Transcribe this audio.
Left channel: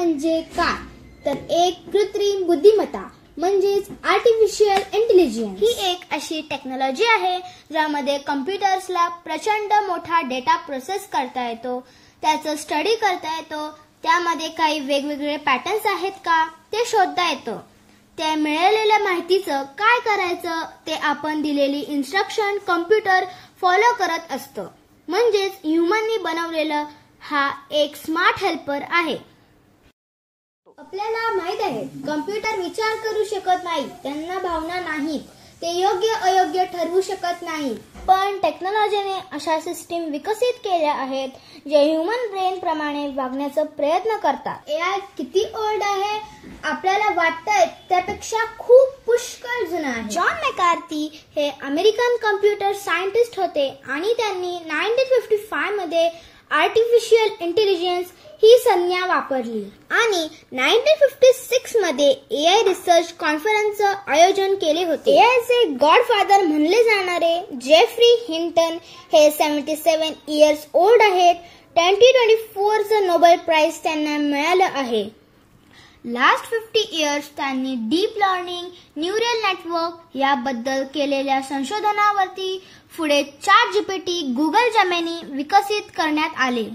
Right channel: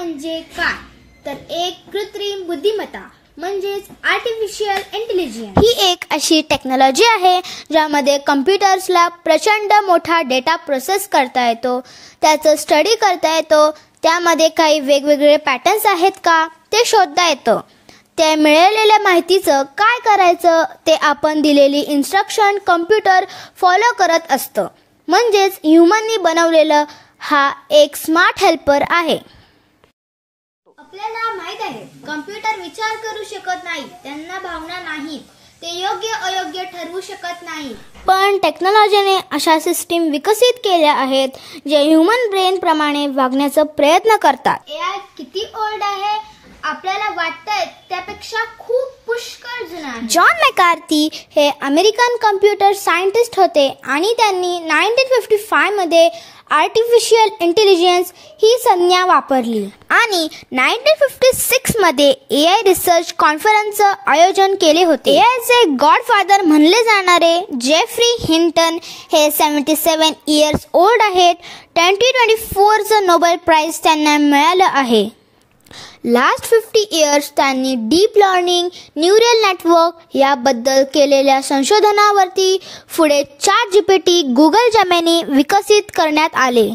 म्हणजे काय? तर एक कृत्रिम बुद्धिमत्ता म्हणजेच आर्टिफिशियल इंटेलिजन्स ही एक अशी टेक्नॉलॉजी आहे ज्यामध्ये कम्प्युटर्सला प्रचंड मोठा डेटा प्रोसेस करता येतो, त्याचं स्टडी करता येतो, त्यामध्ये काही वेगवेगळे पॅटर्न्स आहेत का ते शोधता येतं. ते मिळालेल्या माहितीचं काय करायचं ते आपण दिलेली इन्स्ट्रक्शन कम्प्युटर फॉलो करत असतं. म्हणजेच ह्युमननी बनवलेलं हा एक स्मार्ट हेल्पर आहे. आपल्याला माहित आहे कम्प्युटर विचार करू शकत नाही, त्यांना भावना नाहीत, ते योग्य अयोग्य ठरवू शकत नाही. पण टेक्नॉलॉजीने अशा सिस्टीम विकसित केल्या आहेत जे ह्युमन ब्रेन प्रमाणे वागण्याचा प्रयत्न करतात. AI किती ओल्ड आहे आपल्याला वाटतंय त्यापेक्षा खूप पुष्कळ जुना आहे. जॉन मॅकार्थी हे अमेरिकन कम्प्युटर सायंटिस्ट होते आणि त्यांनी 1955 मध्ये आर्टिफिशियल इंटेलिजन्स ही संज्ञा वापरली आणि 1956 मध्ये AI रिसर्च कॉन्फरन्सचं आयोजन केले होते. AIचे गॉडफादर म्हणले जाणारे जेफ्री हिंटन हे 77 इयर्स ओल्ड आहेत. 2024चं नोबेल प्राइज त्यांना मिळालं आहे. लास्ट 50 इयर्स त्यांनी डीप लर्निंग, न्यूरल नेटवर्क याबद्दल केलेल्या संशोधनावरती पुढे ChatGPT, Google जेमिनी विकसित करण्यात आले.